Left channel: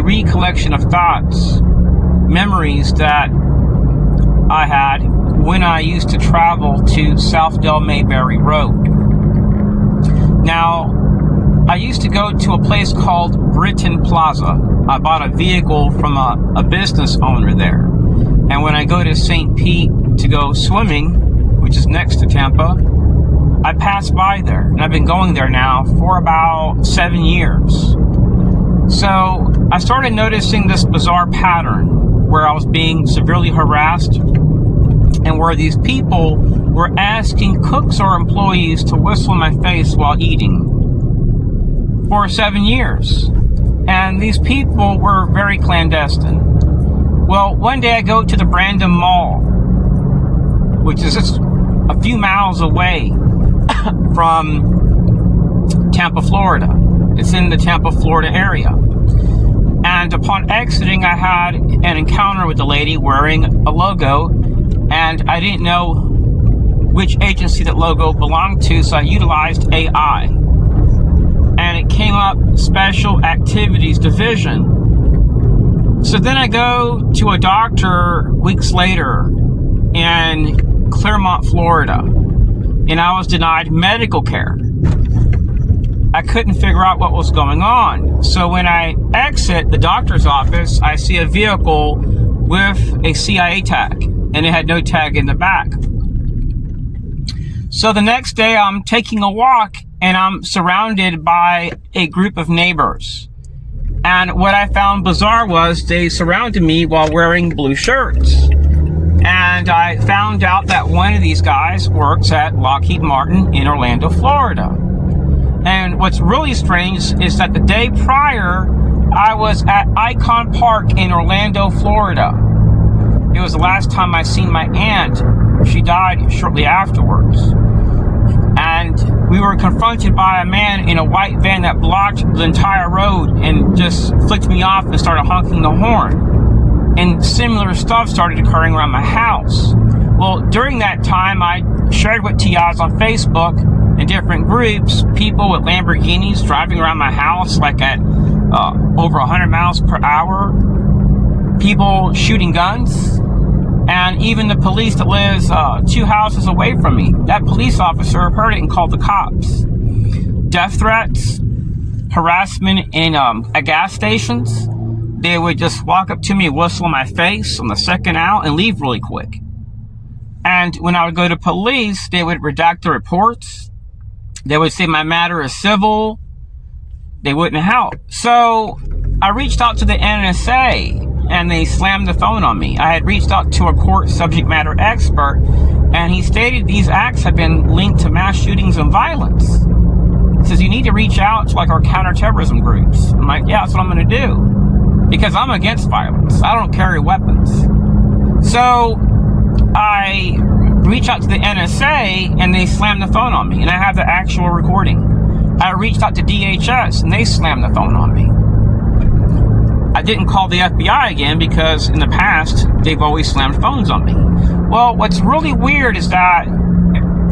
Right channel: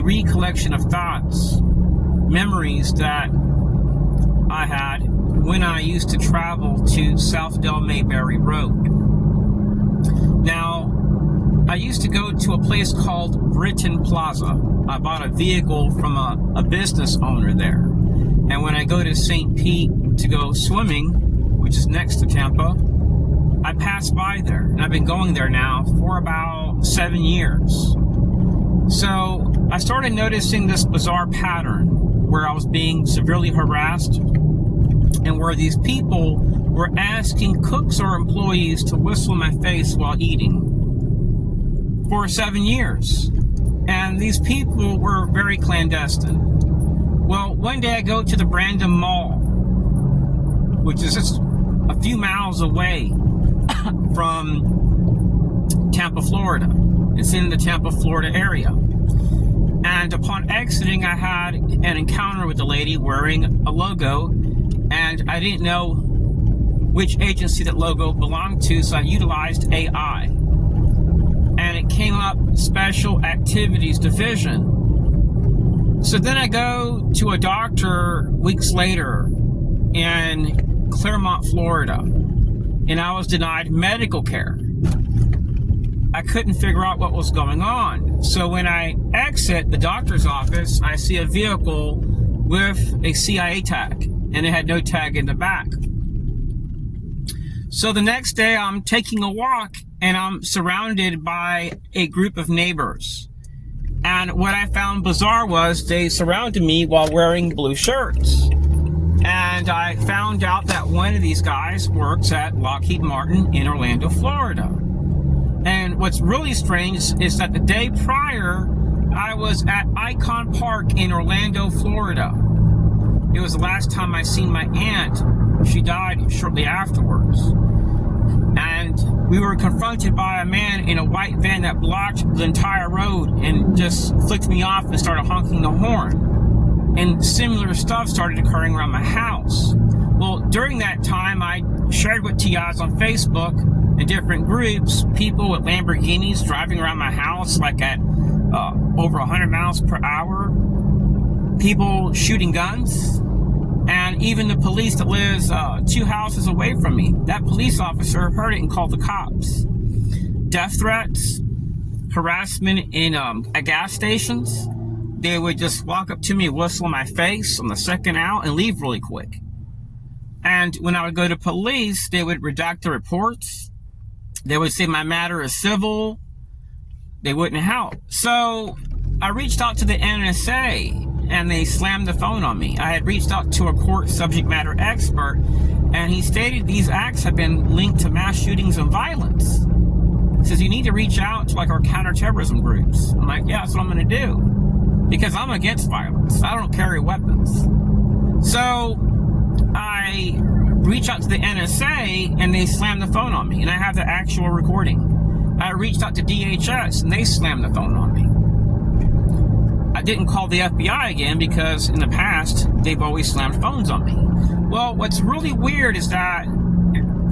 a recollection of thoughts, memories that I had when I used to travel to South Del Mayberry Road. Now, I used to go to a place called Britain Plaza. I bought a vehicle from a business owner there. And when I go to St. Pete to go swimming, which is next to Tampa, I pass by there. And I've been going there now for about 7 years. So I started noticing this bizarre pattern where I was being severely harassed and where these people were asking cooks or employees to whistle in my face while eating for 7 years. And these people were very clandestine. Well, one day I go to the Brandon Mall, which is just a few miles away from Tampa, Florida. It's in the Tampa, Florida area. And upon exiting, I had an encounter with a lady wearing a logo, and I didn't know which agency that logo belonged to, so I utilized AI. And it came up Special Activities Division. So then I go to a doctor weeks later in Clermont, Florida, and I was denied medical care. I couldn't figure out what was going on. So when I exit the doctor's office, I see a vehicle with a CIA tag, and it had no tag in the back. So the next day I'm taking a walk, and I'm surrounded by a group of neighbors. And what I found bizarre was they surrounded me while wearing blue shirts. And I found out that one of these guys works at Lockheed Martin in Orlando, Florida. And what's really strange is that the day prior, I was at Icon Park in Orlando, Florida. It was the last time I seen my aunt. She died shortly afterwards. And we were confronted by a man in a white van that blocked the entire road and just flicked me off and started honking the horn. And similar stuff started occurring around my house. Well, during that time, I shared with TIs on Facebook in different groups, people with Lamborghinis driving around my house like at over 100 miles per hour, people shooting guns, and even the police that lives 2 houses away from me. That police officer heard it and called the cops. Death threats, harassment in at gas stations. They would just walk up to me, whistle in my face on the second out, and leave really quick. And when I would go to police, they would redact the reports. They would say my matter is civil. They wouldn't help. So I reached out to the NSA, and they slammed the phone on me. I had reached out to a court subject matter expert, and he stated these acts have been linked to mass shootings and violence. He says, you need to reach out to like our counterterrorism groups. I'm like, yeah, that's what I'm gonna do. Because I'm against violence. I don't carry weapons. So I reached out to the NSA, and they slammed the phone on me, and I have the actual recording. I reached out to DHS, and they slammed the phone on me. I didn't call the FBI again because in the past, they've always slammed phones on me. Well, what's really weird is that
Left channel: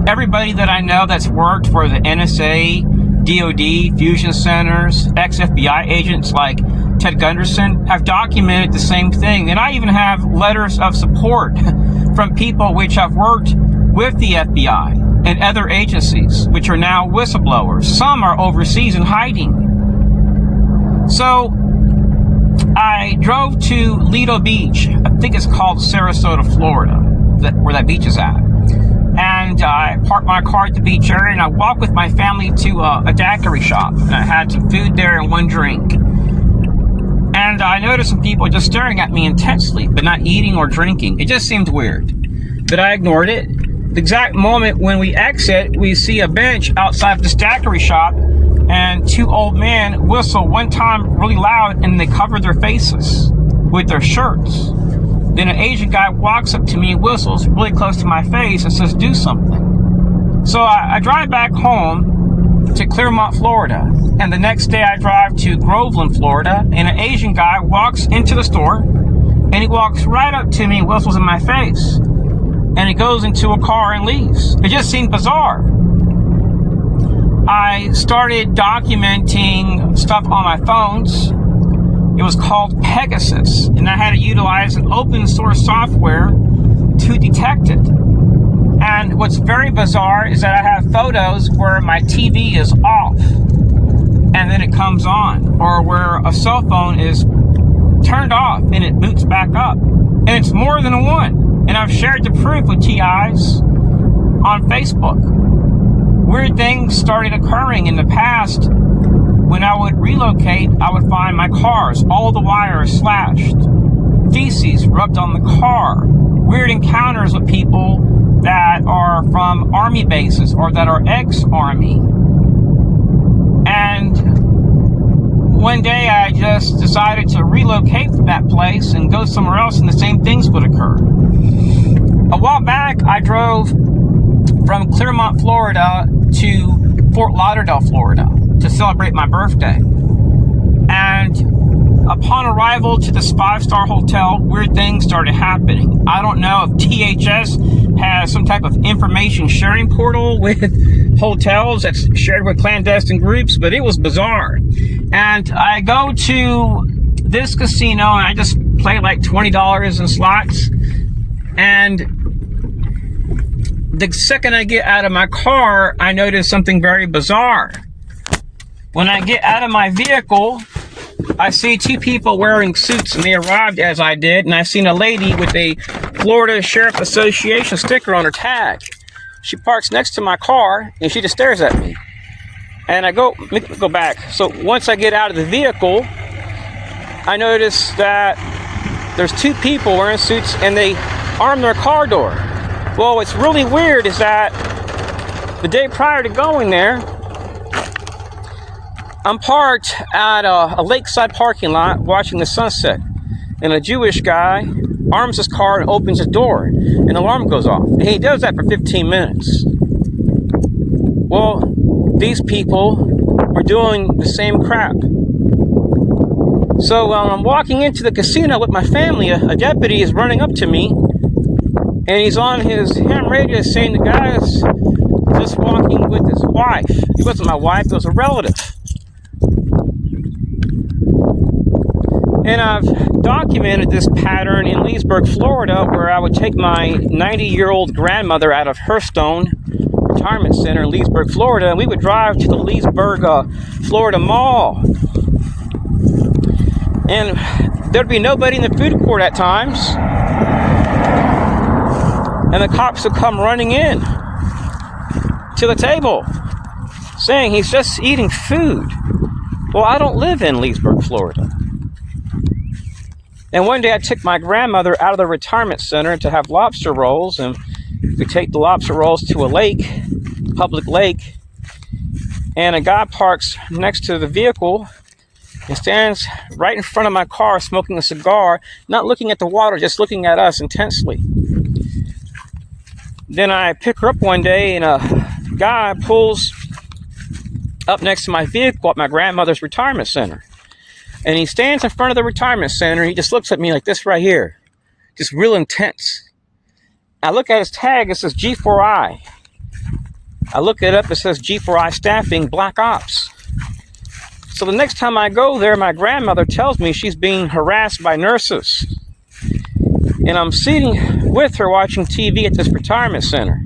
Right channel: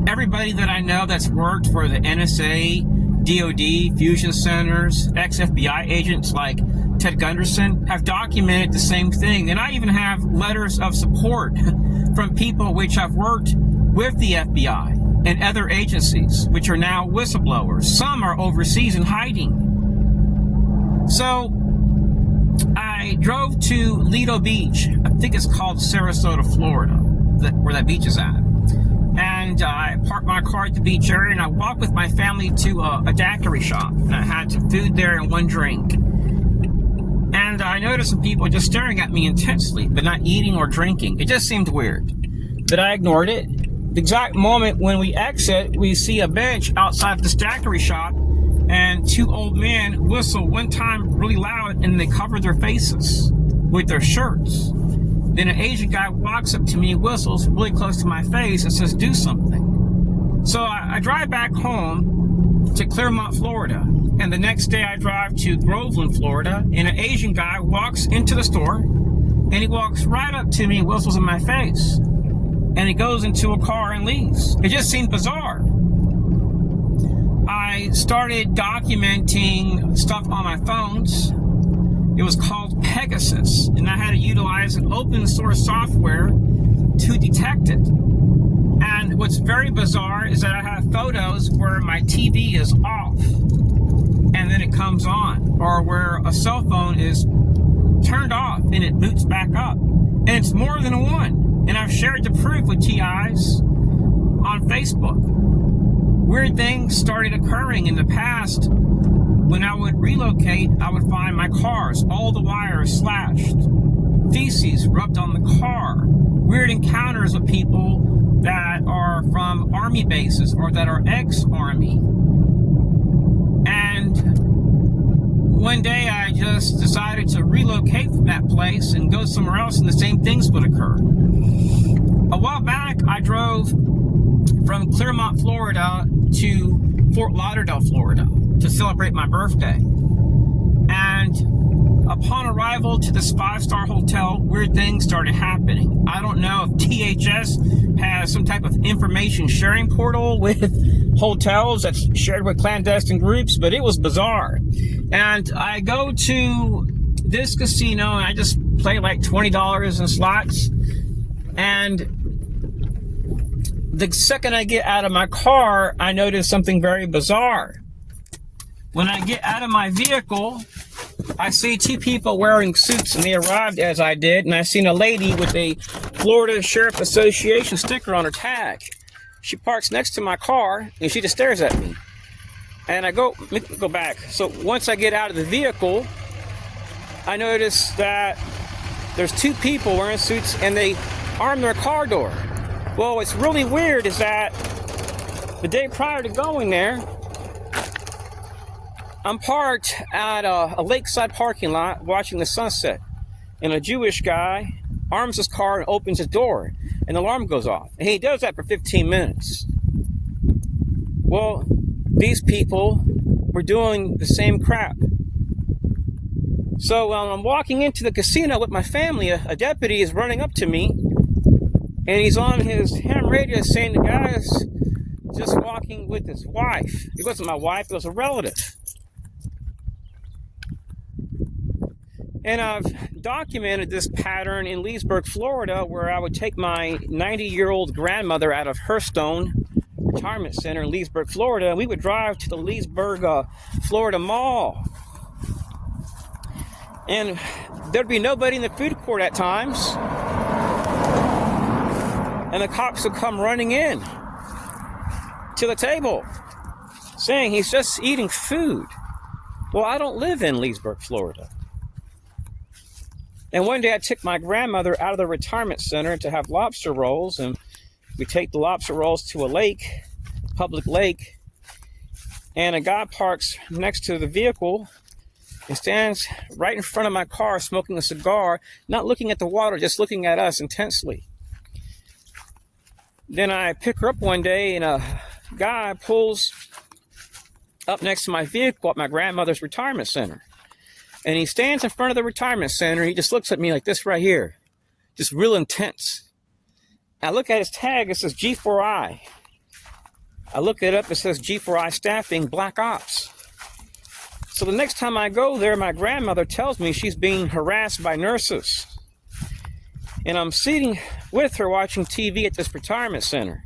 everybody that I know that's worked for the NSA, DOD, fusion centers, ex-FBI agents like Ted Gunderson have documented the same thing. And I even have letters of support from people which have worked with the FBI and other agencies, which are now whistleblowers. Some are overseas in hiding. So I drove to Lido Beach. I think it's called Sarasota, Florida, where that beach is at. And I parked my car at the beach area, and I walked with my family to a daiquiri shop. And I had some food there and one drink. And I noticed some people just staring at me intensely, but not eating or drinking. It just seemed weird. But I ignored it. The exact moment when we exit, we see a bench outside this daiquiri shop, and 2 old men whistle one time really loud, and they cover their faces with their shirts. Then an Asian guy walks up to me, whistles really close to my face, and says, do something. So I drive back home to Clermont, Florida. And the next day I drive to Groveland, Florida, and an Asian guy walks into the store, and he walks right up to me and whistles in my face. And he goes into a car and leaves. It just seemed bizarre. I started documenting stuff on my phones, It was called Pegasus, and I had to utilize an open source software to detect it. And what's very bizarre is that I have photos where my TV is off and then it comes on, or where a cell phone is turned off and it boots back up. And it's more than one. And I've shared the proof with TIs on Facebook. Weird things started occurring in the past. When I would relocate, I would find my cars, all the wires slashed, feces rubbed on the car, weird encounters with people that are from army bases or that are ex-army. And one day I just decided to relocate from that place and go somewhere else, and the same things would occur. A while back, I drove from Clearmont, Florida to Fort Lauderdale, Florida to celebrate my birthday. And upon arrival to this 5-star hotel, weird things started happening. I don't know if THS has some type of information sharing portal with hotels that's shared with clandestine groups, but it was bizarre. And I go to this casino and I just play like $20 in slots. And the second I get out of my car, I notice something very bizarre. When I get out of my vehicle, I see two people wearing suits, and they arrived as I did, and I seen a lady with a Florida Sheriff Association sticker on her tag. She parks next to my car, and she just stares at me. And I go, let me go back. So once I get out of the vehicle, I notice that there's two people wearing suits, and they arm their car door. Well, what's really weird is that the day prior to going there, I'm parked at a lakeside parking lot watching the sunset, and a Jewish guy arms his car and opens his door, and the alarm goes off. And he does that for 15 minutes. Well, these people were doing the same crap. So while I'm walking into the casino with my family, a deputy is running up to me, and he's on his ham radio saying the guy is just walking with his wife. It wasn't my wife, it was a relative. And I've documented this pattern in Leesburg, Florida, where I would take my 90-year-old grandmother out of Hearthstone Retirement Center in Leesburg, Florida, and we would drive to the Leesburg, Florida Mall. And there'd be nobody in the food court at times. And the cops would come running in to the table saying he's just eating food. Well, I don't live in Leesburg, Florida. And one day I took my grandmother out of the retirement center to have lobster rolls, and we take the lobster rolls to a lake, public lake, and a guy parks next to the vehicle and stands right in front of my car smoking a cigar, not looking at the water, just looking at us intensely. Then I pick her up one day, and a guy pulls up next to my vehicle at my grandmother's retirement center. And he stands in front of the retirement center. He just looks at me like this right here. Just real intense. I look at his tag. It says G4I. I look it up. It says G4I staffing Black Ops. So the next time I go there, my grandmother tells me she's being harassed by nurses. And I'm sitting with her watching TV at this retirement center.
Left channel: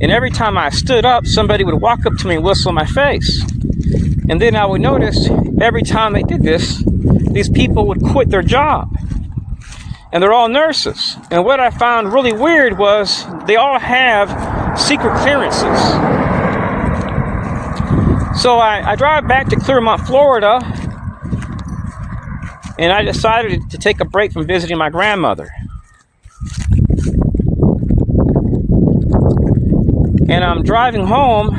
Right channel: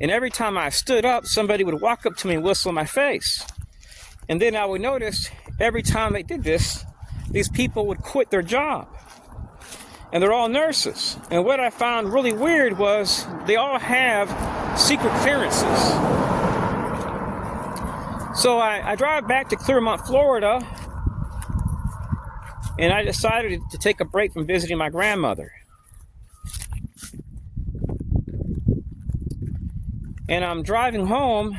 And every time I stood up, somebody would walk up to me and whistle in my face. And then I would notice every time they did this, these people would quit their job. And they're all nurses. And what I found really weird was they all have secret clearances. So I drive back to Clearmont, Florida, and I decided to take a break from visiting my grandmother. And I'm driving home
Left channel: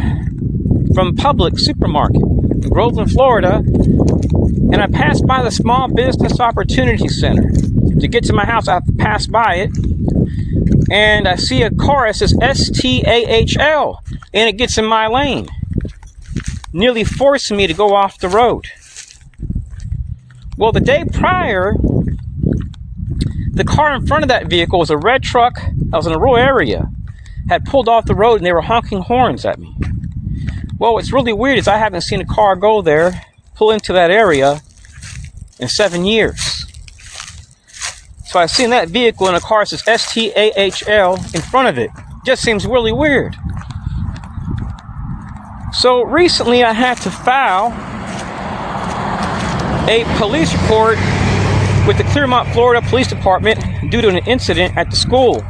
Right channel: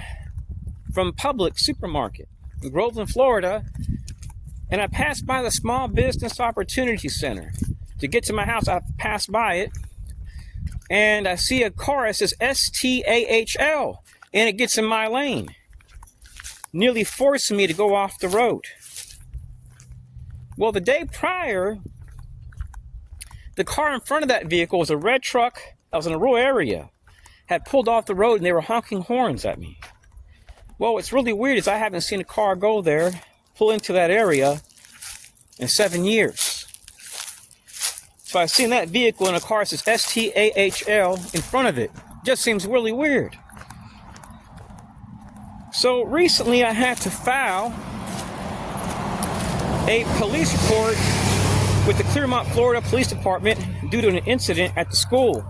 from Publix supermarket in Groveland, Florida, and I passed by the Small Business Opportunity Center. To get to my house, I have to pass by it, and I see a car that says STAHL, and it gets in my lane, nearly forcing me to go off the road. Well, the day prior, the car in front of that vehicle was a red truck. I was in a rural area, had pulled off the road, and they were honking horns at me. Well, what's really weird is I haven't seen a car go there, pull into that area, in 7 years. So I seen that vehicle and a car says STAHL in front of it. Just seems really weird. So recently I had to file a police report with the Clearmont, Florida Police Department due to an incident at the school.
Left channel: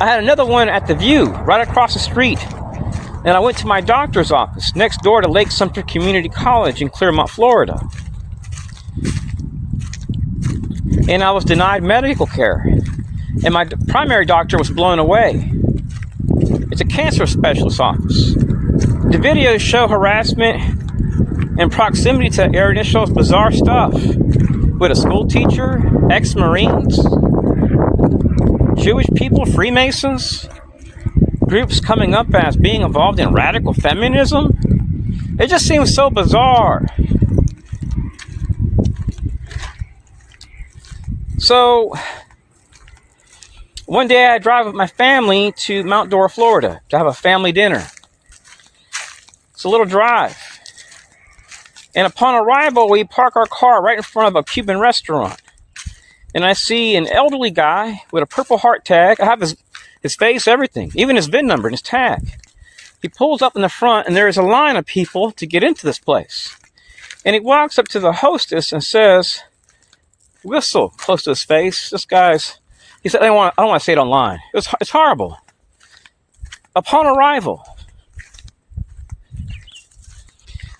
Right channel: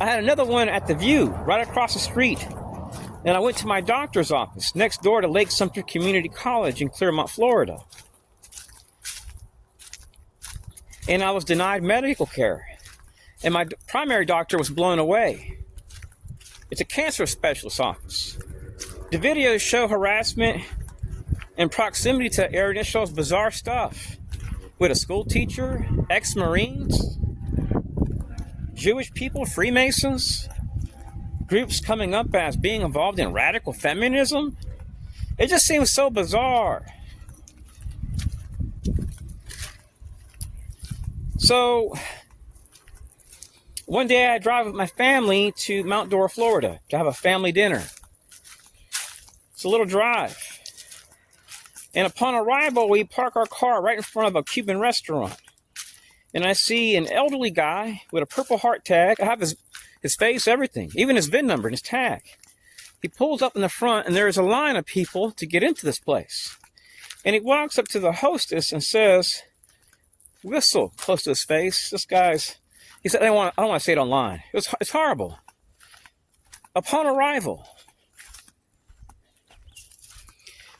I had another one at the View, right across the street. And I went to my doctor's office next door to Lake Sumter Community College in Clearmont, Florida. And I was denied medical care. And my primary doctor was blown away. It's a cancer specialist office. The videos show harassment and proximity to that area, and it shows bizarre stuff with a school teacher, ex-Marines, Jewish people, Freemasons, groups coming up as being involved in radical feminism. It just seems so bizarre. So, one day I drive with my family to Mount Dora, Florida to have a family dinner. It's a little drive. And upon arrival, we park our car right in front of a Cuban restaurant. And I see an elderly guy with a Purple Heart tag. I have his face, everything, even his VIN number and his tag. He pulls up in the front, and there's a line of people to get into this place. And he walks up to the hostess and says, whistle close to his face. He said, I don't want to say it online. It's horrible. Upon arrival.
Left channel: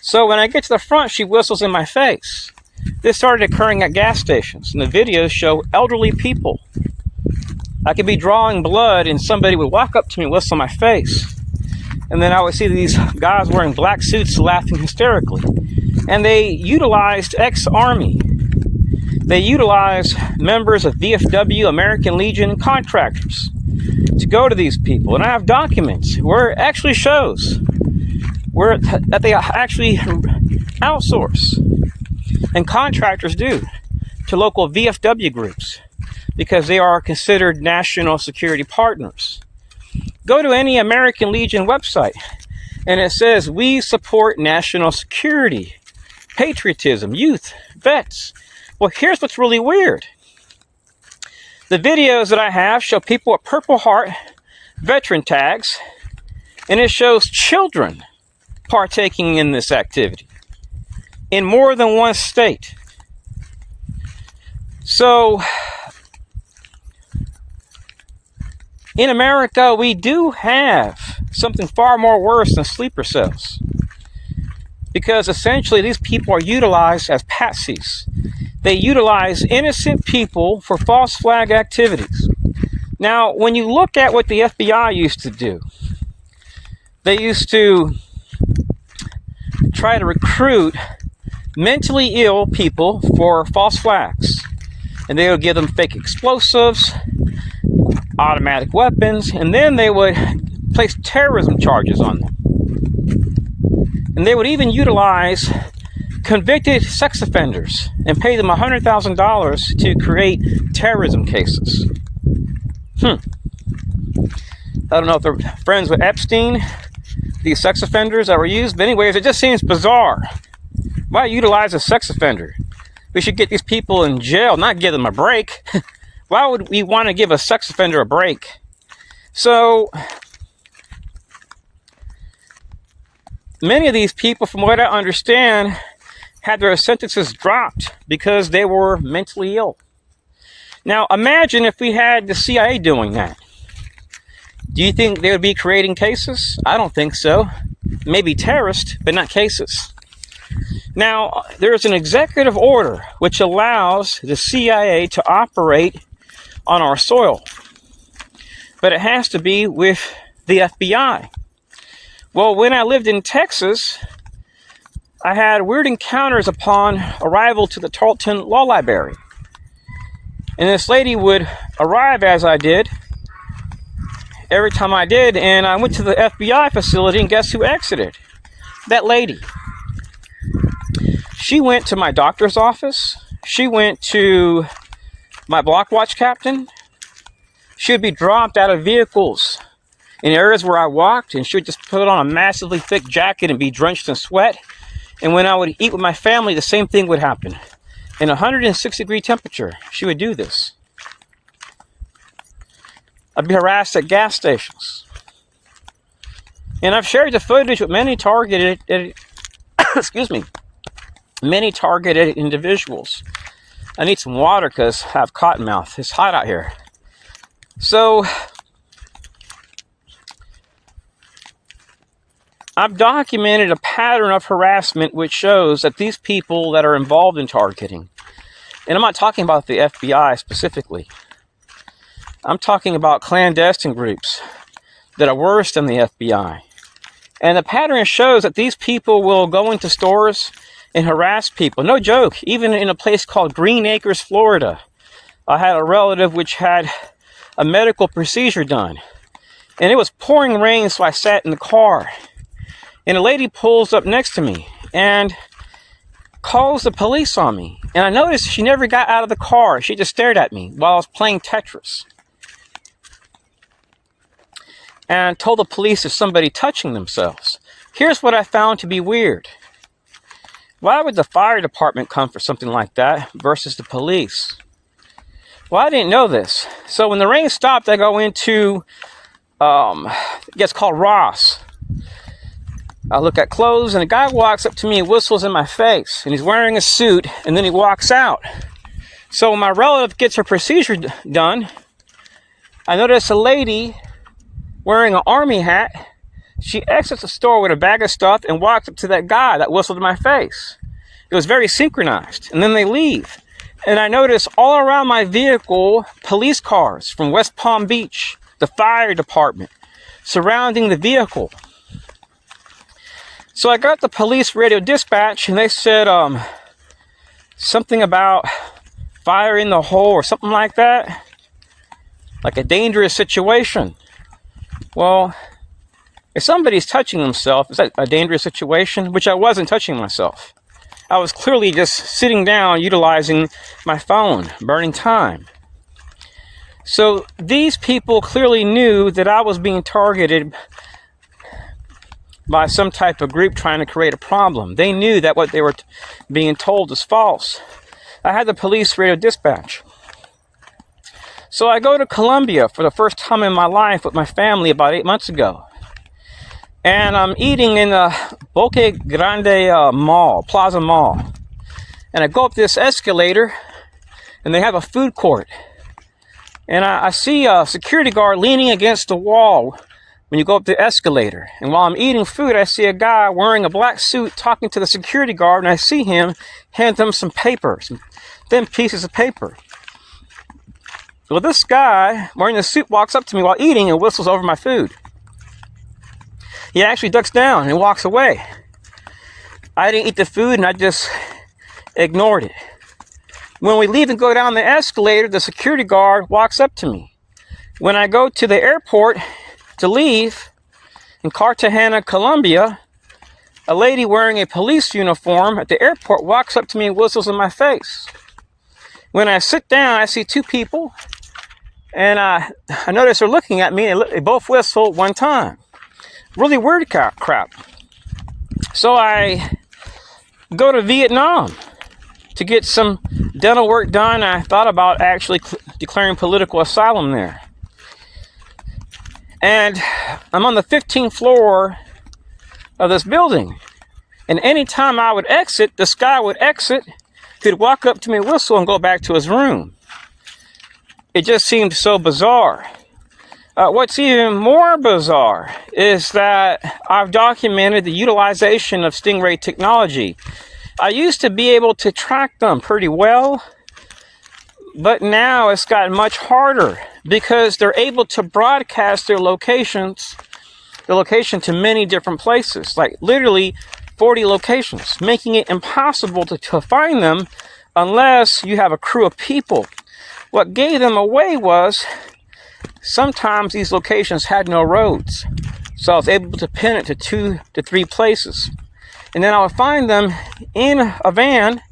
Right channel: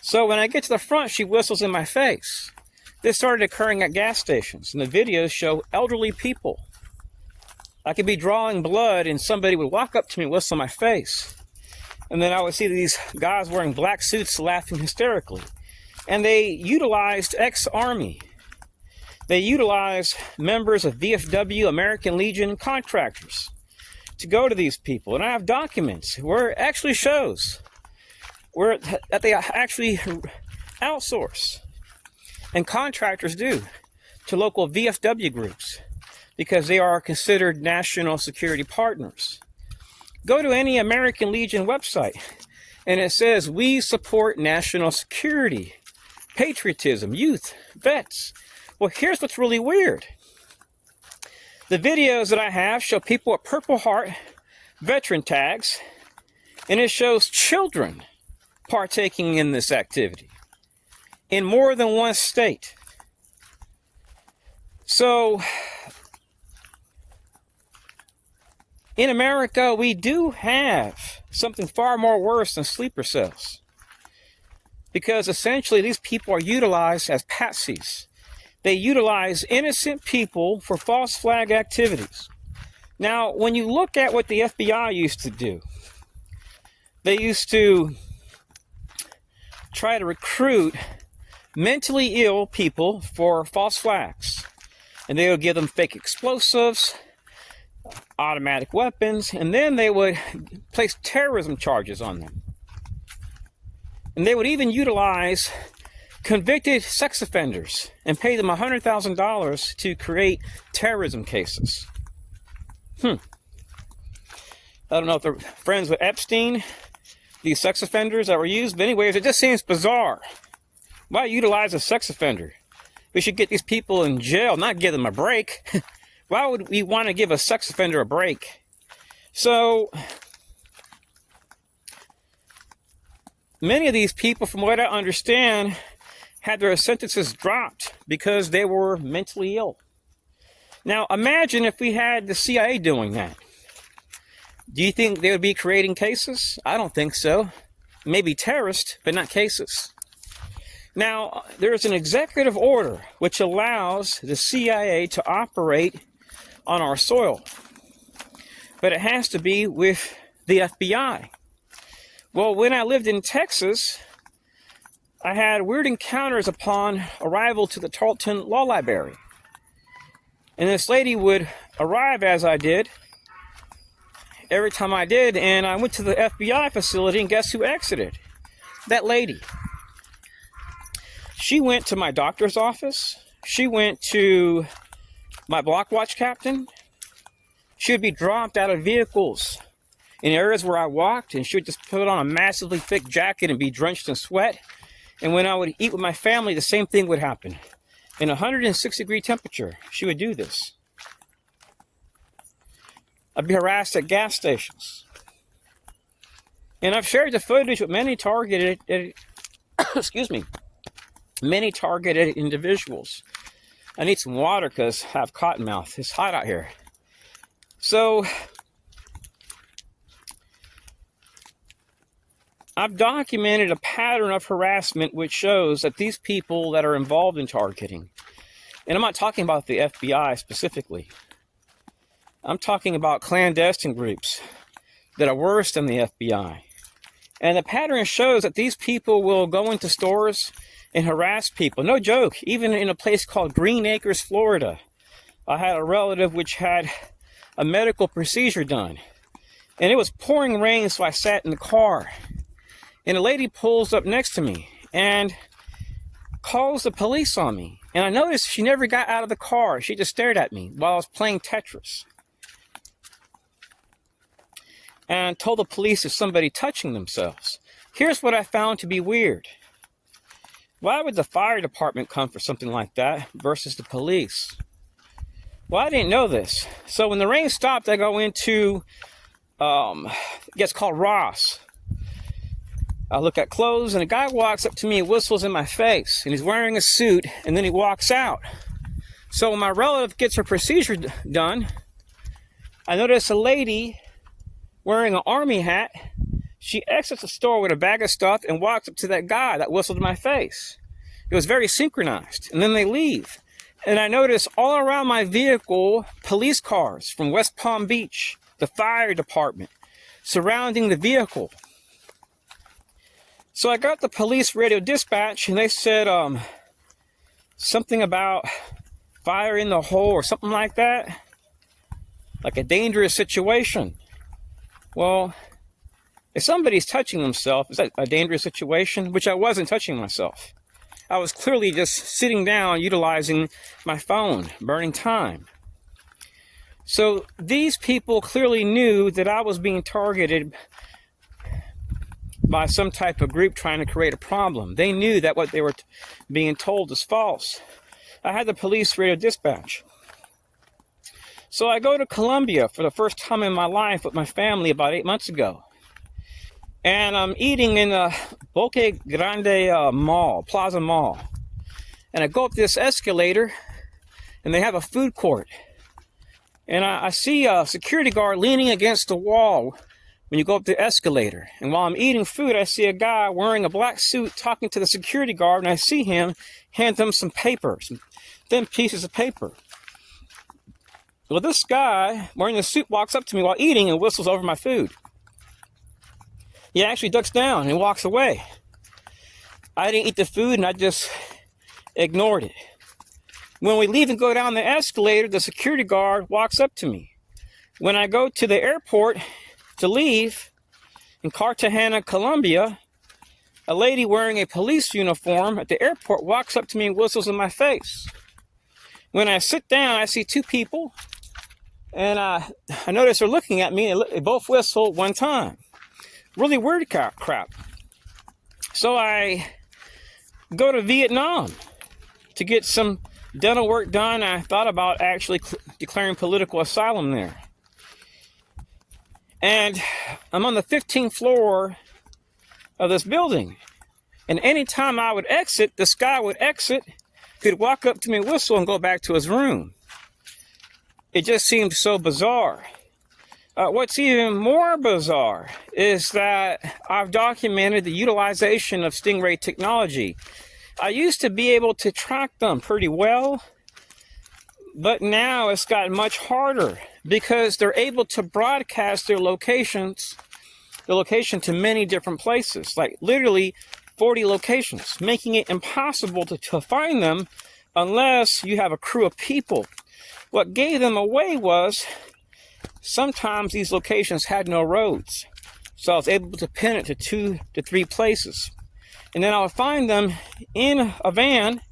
So when I get to the front, she whistles in my face. This started occurring at gas stations, and the videos show elderly people. I could be drawing blood, and somebody would walk up to me and whistle in my face. And then I would see these guys wearing black suits laughing hysterically. And they utilized ex-Army. They utilized members of VFW, American Legion, contractors to go to these people. And I have documents where it actually shows that they actually outsource, and contractors do, to local VFW groups because they are considered national security partners. Go to any American Legion website and it says, we support national security, patriotism, youth, vets. Well, here's what's really weird. The videos that I have show people with Purple Heart veteran tags, and it shows children partaking in this activity in more than one state. So, in America, we do have something far more worse than sleeper cells, because essentially these people are utilized as patsys. They utilize innocent people for false flag activities. Now, when you look at what the FBI used to do, they used to try to recruit mentally ill people for false flags. And they would give them fake explosives, automatic weapons, and then they would place terrorism charges on them. And they would even utilize convicted sex offenders and pay them $100,000 to create terrorism cases. I don't know if they're friends with Epstein, these sex offenders that were used, but anyways, it just seems bizarre. Why utilize a sex offender? We should get these people in jail, not give them a break. Why would we want to give a sex offender a break? So, many of these people, from what I understand, had their sentences dropped because they were mentally ill. Now, imagine if we had the CIA doing that. Do you think they would be creating cases? I don't think so. Maybe terrorists, but not cases. Now, there's an executive order which allows the CIA to operate on our soil, but it has to be with the FBI. Well, when I lived in Texas, I had weird encounters upon arrival to the Tarleton Law Library. And this lady would arrive as I did, every time I did, and I went to the FBI facility, and guess who exited? That lady. She went to my doctor's office. She went to my block watch captain. She would be dropped out of vehicles in areas where I walked, and she would just put on a massively thick jacket and be drenched in sweat. And when I would eat with my family, the same thing would happen. in 106-degree temperature, she would do this. I'd be harassed at gas stations. And I've shared the footage with many targeted, excuse me, many targeted individuals. I need some water because I have cotton mouth. It's hot out here. So I've documented a pattern of harassment which shows that these people that are involved in targeting, and I'm not talking about the FBI specifically, I'm talking about clandestine groups that are worse than the FBI. And the pattern shows that these people will go into stores and harass people. No joke, even in a place called Green Acres, Florida. I had a relative which had a medical procedure done. And it was pouring rain, so I sat in the car. And a lady pulls up next to me and calls the police on me. And I noticed she never got out of the car. She just stared at me while I was playing Tetris. And told the police there's somebody touching themselves. Here's what I found to be weird. Why would the fire department come for something like that versus the police? Well, I didn't know this. So when the rain stopped, I go into, it gets called Ross. I look at clothes, and a guy walks up to me and whistles in my face. And he's wearing a suit, and then he walks out. So when my relative gets her procedure done, I notice a lady wearing an army hat. She exits the store with a bag of stuff and walks up to that guy that whistled in my face. It was very synchronized. And then they leave. And I notice all around my vehicle, police cars from West Palm Beach, the fire department, surrounding the vehicle. So I got the police radio dispatch, and they said something about fire in the hole or something like that. Like a dangerous situation. Well, if somebody's touching themselves, is that a dangerous situation? Which I wasn't touching myself. I was clearly just sitting down, utilizing my phone, burning time. So these people clearly knew that I was being targeted by some type of group trying to create a problem. They knew that what they were being told was false. I had the police radio dispatch. So I go to Colombia for the first time in my life with my family about 8 months ago. And I'm eating in the Boca Grande Mall, Plaza Mall. And I go up this escalator, and they have a food court. And I see a security guard leaning against the wall when you go up the escalator. And while I'm eating food, I see a guy wearing a black suit talking to the security guard, and I see him hand him some paper, some thin pieces of paper. Well, this guy wearing the suit walks up to me while eating and whistles over my food. He actually ducks down and walks away. I didn't eat the food, and I just ignored it. When we leave and go down the escalator, the security guard walks up to me. When I go to the airport to leave in Cartagena, Colombia, a lady wearing a police uniform at the airport walks up to me and whistles in my face. When I sit down, I see two people, and I notice they're looking at me, and they both whistle one time. Really weird crap. So I go to Vietnam to get some dental work done. I thought about actually declaring political asylum there. And I'm on the 15th floor of this building. And anytime I would exit, this guy would exit. He'd walk up to me, whistle, and go back to his room. It just seemed so bizarre. What's even more bizarre is that I've documented the utilization of Stingray technology. I used to be able to track them pretty well, but now it's gotten much harder because they're able to broadcast their location to many different places, like literally 40 locations, making it impossible to find them unless you have a crew of people. What gave them away was sometimes these locations had no roads, so I was able to pin it to 2 to 3 places. And then I would find them in a van,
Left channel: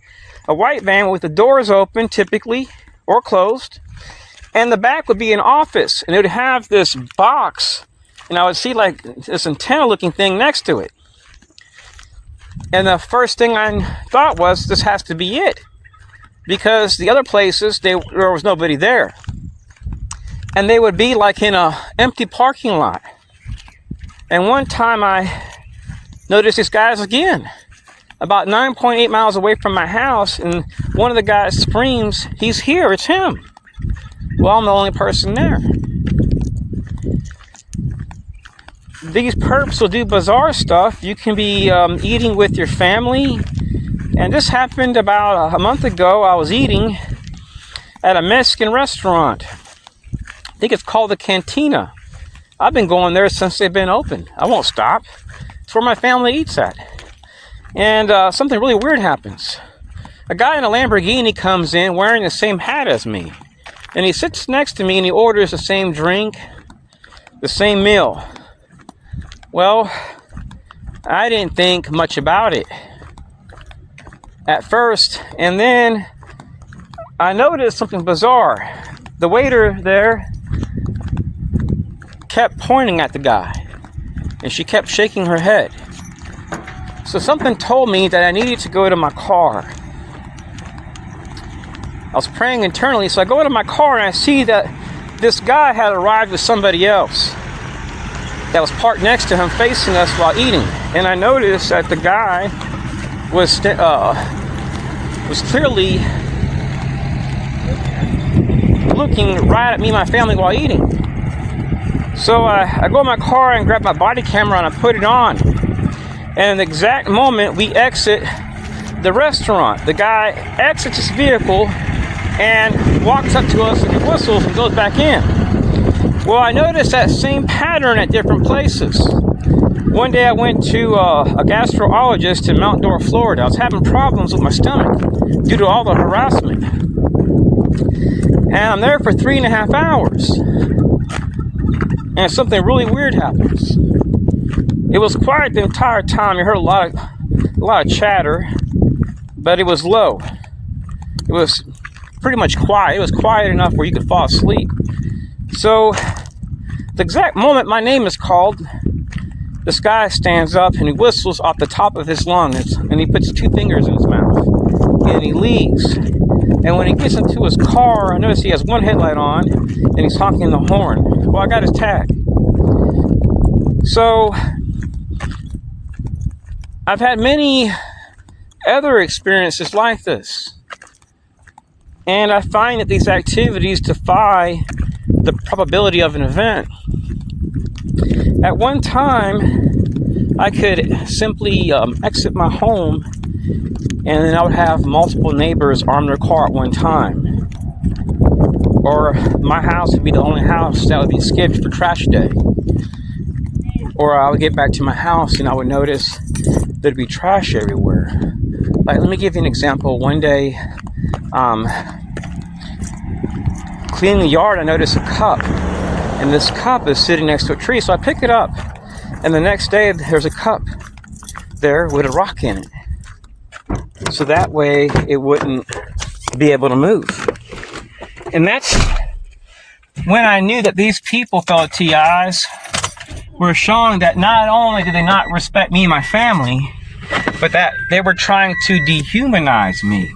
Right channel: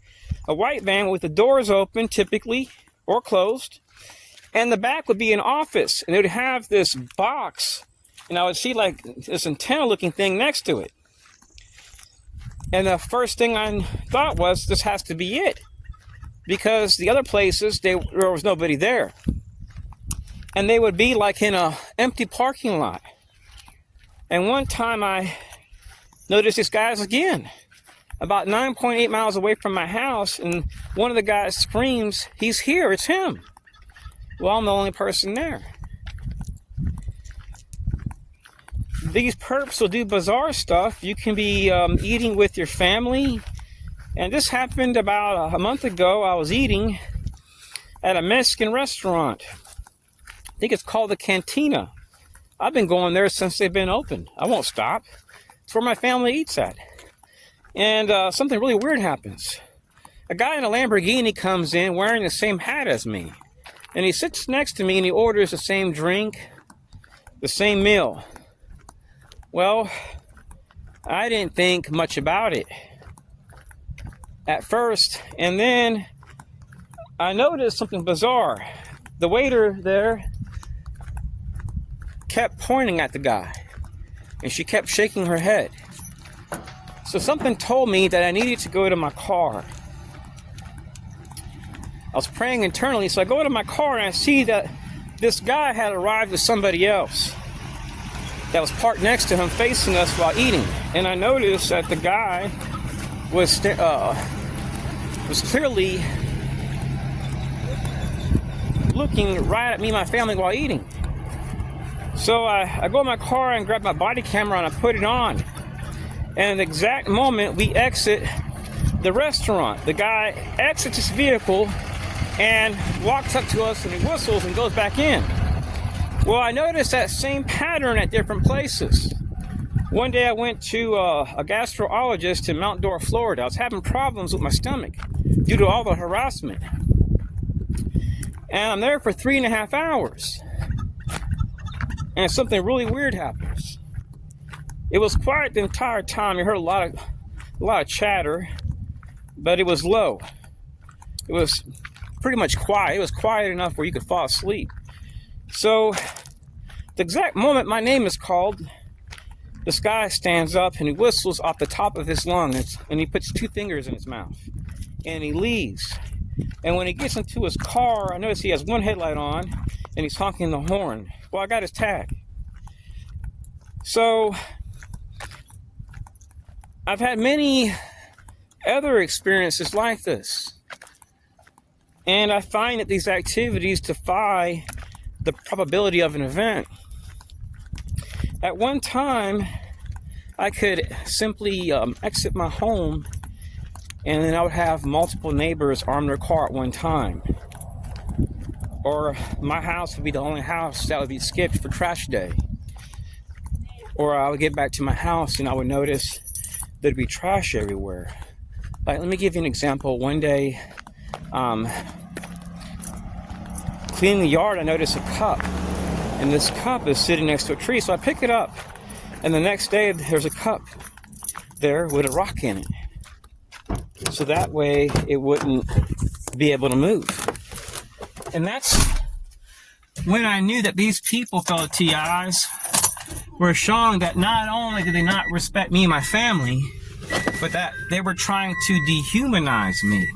a white van with the doors open typically or closed, and the back would be an office, and it would have this box, and I would see like this antenna looking thing next to it. And the first thing I thought was, this has to be it. because the other places, there was nobody there. And they would be like in a empty parking lot. And one time I noticed these guys again, about 9.8 miles away from my house, and one of the guys screams, "He's here, it's him." Well, I'm the only person there. These perps will do bizarre stuff. You can be eating with your family. And this happened about a month ago. I was eating at a Mexican restaurant. I think it's called the Cantina. I've been going there since they've been open. I won't stop. It's where my family eats at. And something really weird happens. A guy in a Lamborghini comes in wearing the same hat as me. And he sits next to me and he orders the same drink, the same meal. Well, I didn't think much about it at first. And then I noticed something bizarre. The waiter there kept pointing at the guy, and she kept shaking her head. So something told me that I needed to go to my car. I was praying internally, so I go to my car and I see that this guy had arrived with somebody else that was parked next to him, facing us while eating. And I noticed that the guy was clearly looking right at me and my family while eating. So I go in my car and grab my body camera and I put it on. And the exact moment we exit the restaurant, the guy exits his vehicle and walks up to us and he whistles and goes back in. Well, I noticed that same pattern at different places. One day I went to a gastrologist in Mount Dora, Florida. I was having problems with my stomach due to all the harassment. And I'm there for 3.5 hours. And something really weird happens. It was quiet the entire time. You heard a lot of chatter, but it was low. It was pretty much quiet. It was quiet enough where you could fall asleep. So, the exact moment my name is called, this guy stands up and he whistles off the top of his lungs, and he puts 2 fingers in his mouth, and he leaves. And when he gets into his car, I notice he has one headlight on, and he's honking the horn. Well, I got his tag. So, I've had many other experiences like this. And I find that these activities defy the probability of an event. At one time, I could simply exit my home, and then I would have multiple neighbors arm their car at one time. Or my house would be the only house that would be skipped for trash day. Or I would get back to my house and I would notice there'd be trash everywhere. Like, let me give you an example. One day, cleaning the yard, I noticed a cup. And this cup is sitting next to a tree, so I pick it up. And the next day, there's a cup there with a rock in it. So that way, it wouldn't be able to move. And that's when I knew that these people, fellow TIs, were showing that not only did they not respect me and my family, but that they were trying to dehumanize me.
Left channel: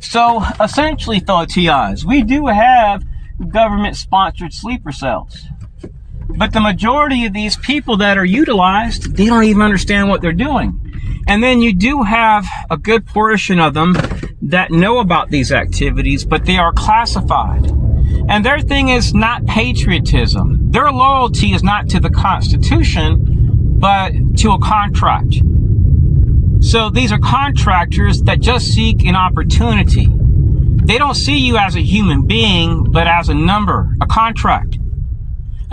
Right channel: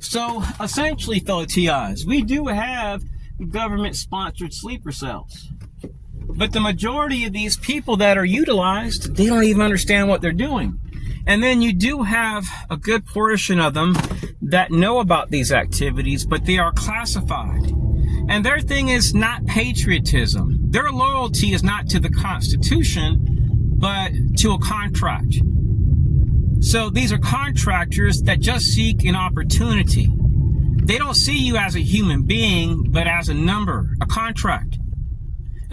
So, essentially, fellow TIs, we do have government-sponsored sleeper cells. But the majority of these people that are utilized, they don't even understand what they're doing. And then you do have a good portion of them that know about these activities, but they are classified. And their thing is not patriotism. Their loyalty is not to the Constitution, but to a contract. So these are contractors that just seek an opportunity. They don't see you as a human being, but as a number, a contract.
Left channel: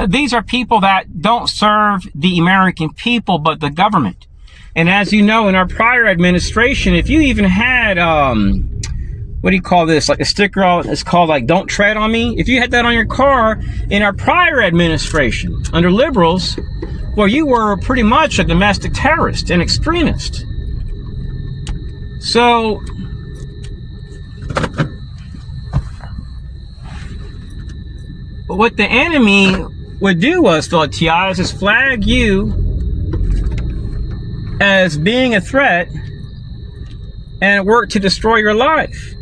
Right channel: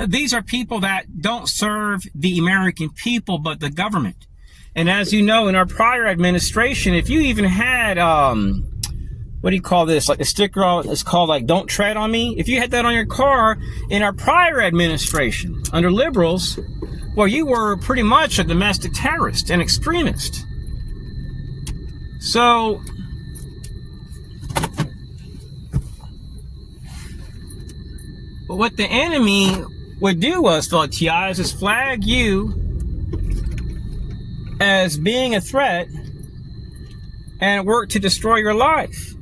These are people that don't serve the American people, but the government. And as you know, in our prior administration, if you even had, what do you call this? Like a sticker on, it's called like, "Don't tread on me." If you had that on your car in our prior administration, under liberals, well, you were pretty much a domestic terrorist, an extremist. So, what the enemy would do was, fellow TIs, is flag you as being a threat, and work to destroy your life.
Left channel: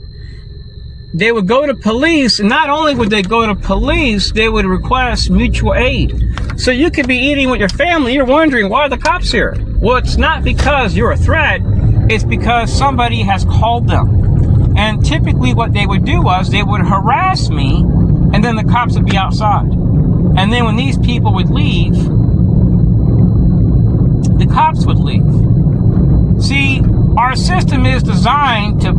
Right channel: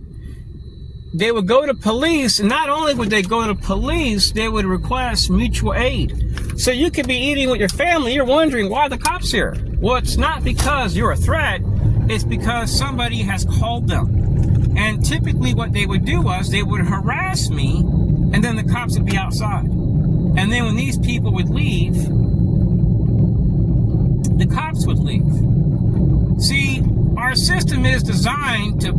They would go to police, and not only would they go to police, they would request mutual aid. So you could be eating with your family, you're wondering, why are the cops here? Well, it's not because you're a threat, it's because somebody has called them. And typically what they would do was they would harass me, and then the cops would be outside. And then when these people would leave, the cops would leave. See, our system is designed to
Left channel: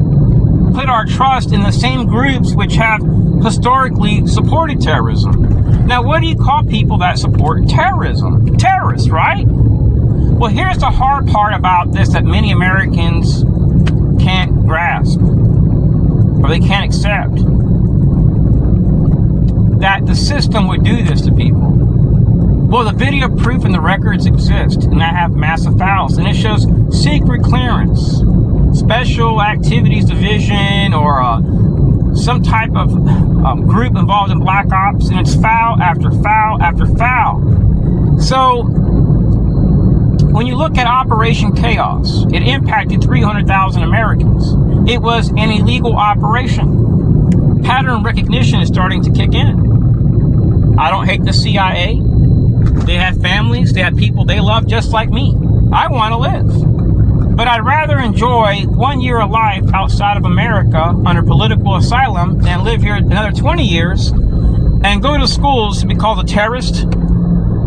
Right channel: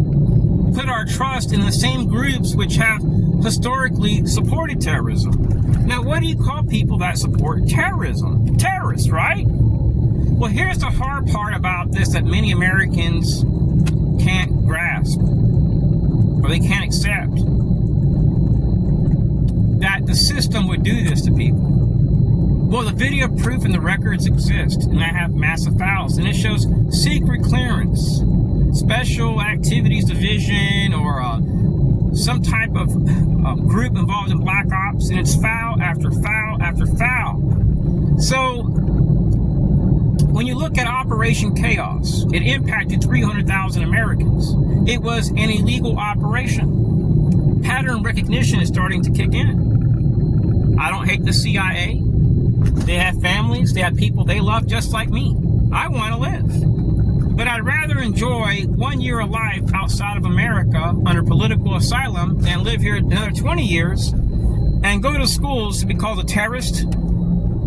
put our trust in the same groups which have historically supported terrorism. Now, what do you call people that support terrorism? Terrorists, right? Well, here's the hard part about this that many Americans can't grasp, or they can't accept, that the system would do this to people. Well, the video proof and the records exist, and I have massive files, and it shows secret clearance, Special Activities Division, or some type of group involved in black ops, and it's foul after foul after foul. So when you look at Operation Chaos, it impacted 300,000 Americans. It was an illegal operation. Pattern recognition is starting to kick in. I don't hate the CIA. They have families, they have people they love just like me. I want to live. But I'd rather enjoy 1 year of life outside of America under political asylum than live here another 20 years and go to schools to be called a terrorist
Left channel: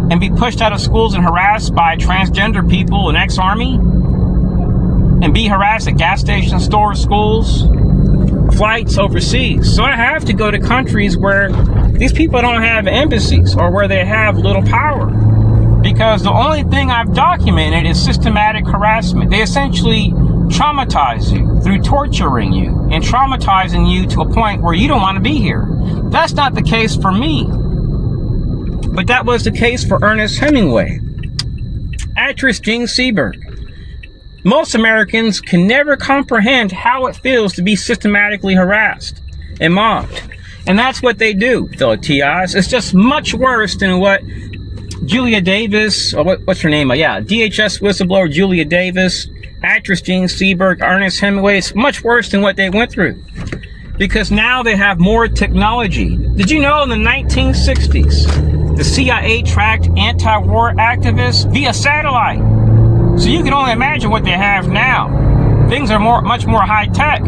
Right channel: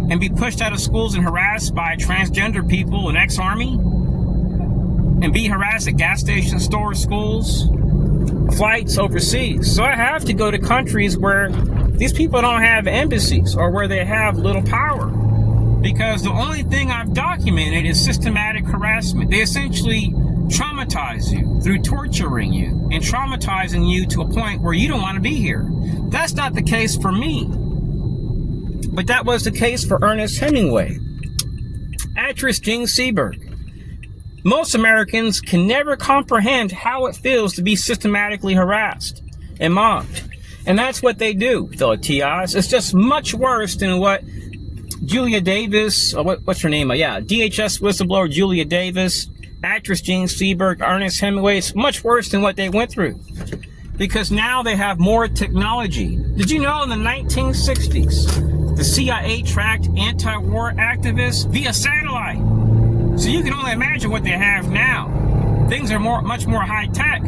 and be pushed out of schools and harassed by transgender people and ex-army and be harassed at gas stations, stores, schools, flights overseas. So I have to go to countries where these people don't have embassies or where they have little power, because the only thing I've documented is systematic harassment. They essentially traumatize you through torturing you and traumatizing you to a point where you don't want to be here. That's not the case for me, but that was the case for Ernest Hemingway. Actress Jean Seberg. Most Americans can never comprehend how it feels to be systematically harassed and mobbed. And that's what they do, fellow TIs. It's just much worse than what Julia Davis, or what's her name? DHS whistleblower Julia Davis, actress Jean Seberg, Ernest Hemingway. It's much worse than what they went through, because now they have more technology. Did you know in the 1960s, the CIA tracked anti-war activists via satellite? So you can only imagine what they have now. Things are much more high-tech.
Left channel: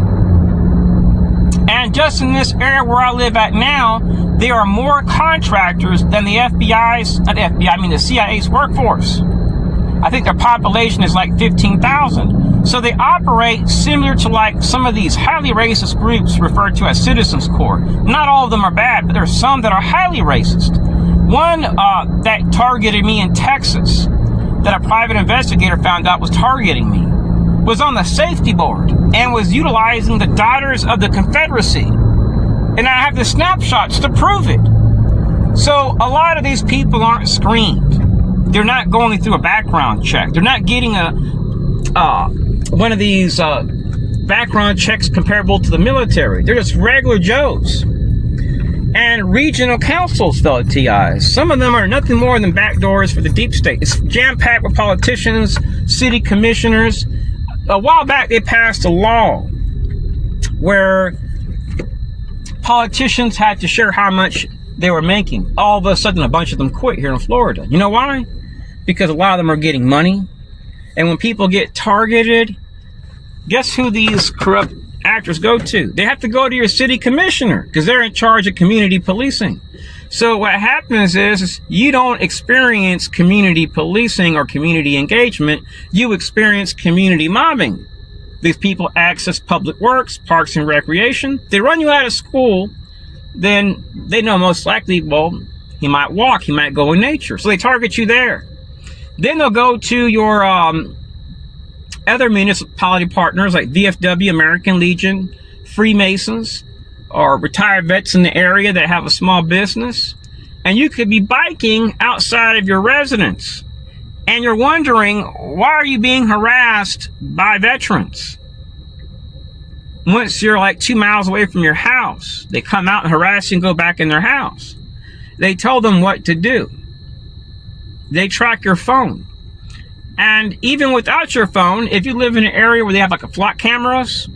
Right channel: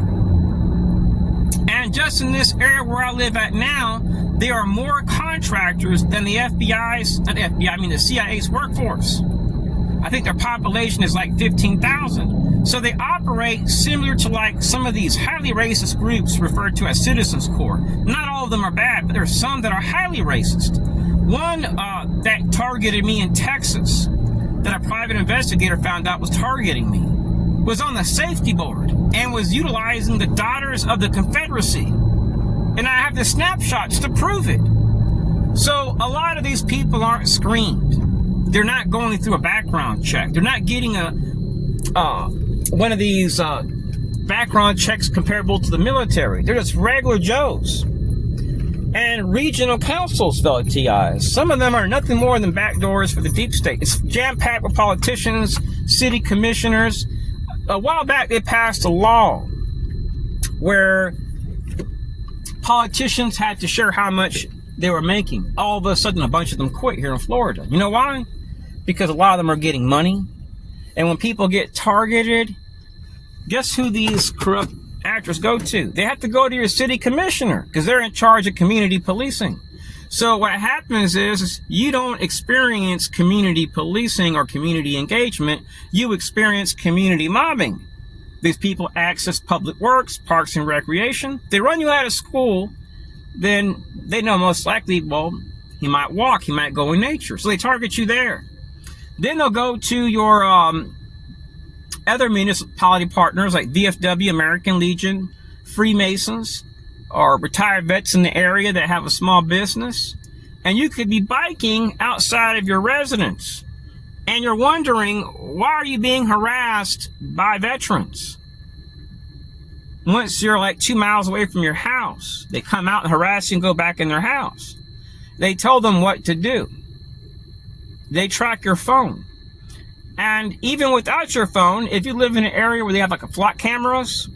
And just in this area where I live at now, there are more contractors than the the CIA's workforce. I think their population is like 15,000. So they operate similar to like some of these highly racist groups referred to as Citizens Corps. Not all of them are bad, but there are some that are highly racist. One that targeted me in Texas, that a private investigator found out was targeting me, was on the safety board and was utilizing the Daughters of the Confederacy. And I have the snapshots to prove it. So a lot of these people aren't screened. They're not going through a background check. They're not getting one of these background checks comparable to the military. They're just regular Joes. And regional councils, fellow TIs. Some of them are nothing more than backdoors for the deep state. It's jam-packed with politicians, city commissioners. A while back, they passed a law where politicians had to share how much they were making. All of a sudden, a bunch of them quit here in Florida. You know why? Because a lot of them are getting money. And when people get targeted, guess who these corrupt actors go to? They have to go to your city commissioner, because they're in charge of community policing. So what happens is you don't experience community policing or community engagement. You experience community mobbing. These people access public works, parks and recreation. They run you out of school, then they know most likely, well, he might walk, he might go in nature. So they target you there. Then they'll go to your other municipality partners like VFW, American Legion, Freemasons, or retired vets in the area that have a small business. And you could be biking outside of your residence, and you're wondering, why are you being harassed by veterans? Once you're like 2 miles away from your house, they come out and harass you and go back in their house. They tell them what to do. They track your phone. And even without your phone, if you live in an area where they have like a flock cameras,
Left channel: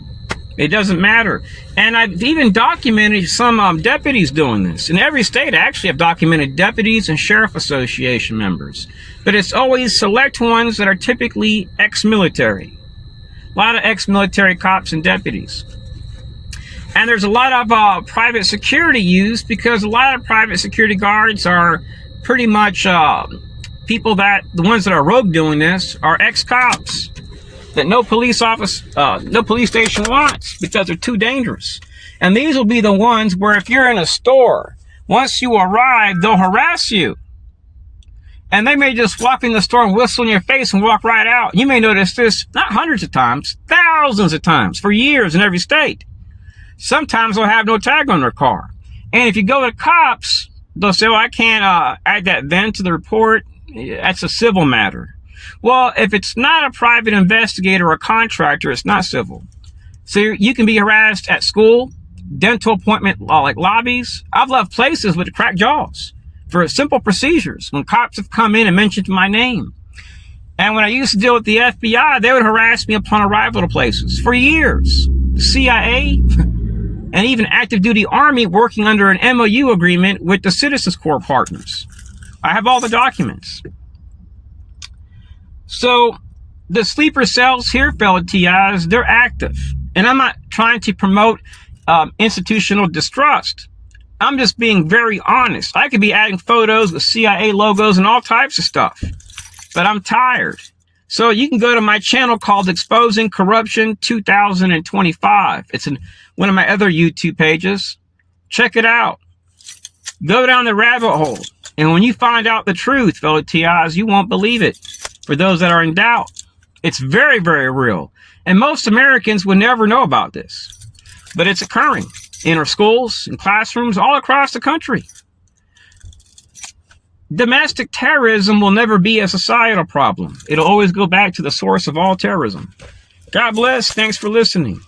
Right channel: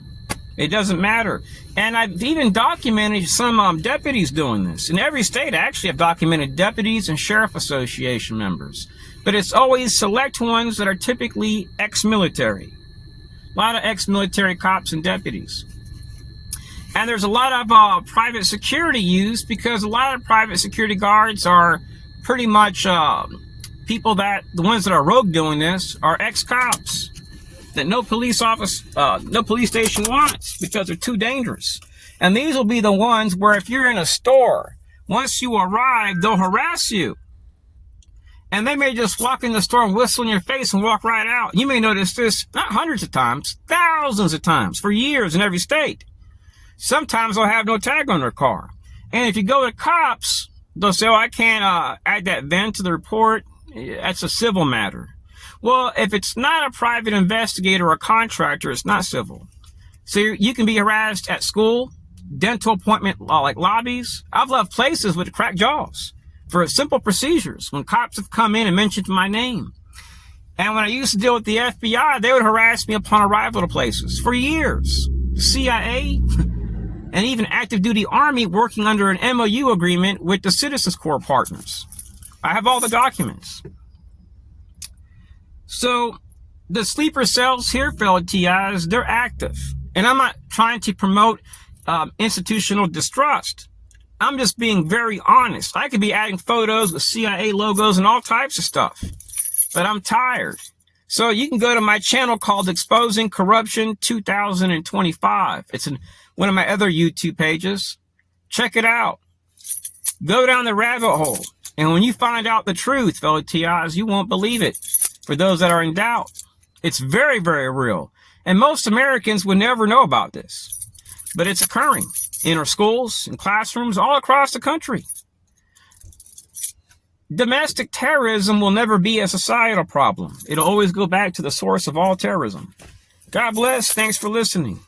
it doesn't matter. And I've even documented some deputies doing this. In every state, I actually have documented deputies and sheriff association members. But it's always select ones that are typically ex-military. A lot of ex-military cops and deputies. And there's a lot of private security used because a lot of private security guards are pretty much people that, the ones that are rogue doing this, are ex-cops that no police station wants because they're too dangerous. And these will be the ones where if you're in a store, once you arrive, they'll harass you. And they may just walk in the store and whistle in your face and walk right out. You may notice this not hundreds of times, thousands of times for years in every state. Sometimes they'll have no tag on their car. And if you go to cops, they'll say, oh, I can't add that VIN to the report. That's a civil matter. Well, if it's not a private investigator or contractor, it's not civil. So you can be harassed at school, dental appointment like lobbies. I've left places with cracked jaws for simple procedures when cops have come in and mentioned my name. And when I used to deal with the FBI, they would harass me upon arrival to places for years. The CIA and even active duty Army working under an MOU agreement with the Citizens Corps partners. I have all the documents. So the sleeper cells here, fellow TIs, they're active. And I'm not trying to promote institutional distrust. I'm just being very honest. I could be adding photos with CIA logos and all types of stuff. But I'm tired. So you can go to my channel called Exposing Corruption 2025. It's in one of my other YouTube pages. Check it out. Go down the rabbit hole. And when you find out the truth, fellow TIs, you won't believe it. For those that are in doubt, it's very, very real. And most Americans would never know about this. But it's occurring in our schools, in classrooms, all across the country. Domestic terrorism will never be a societal problem. It'll always go back to the source of all terrorism. God bless. Thanks for listening.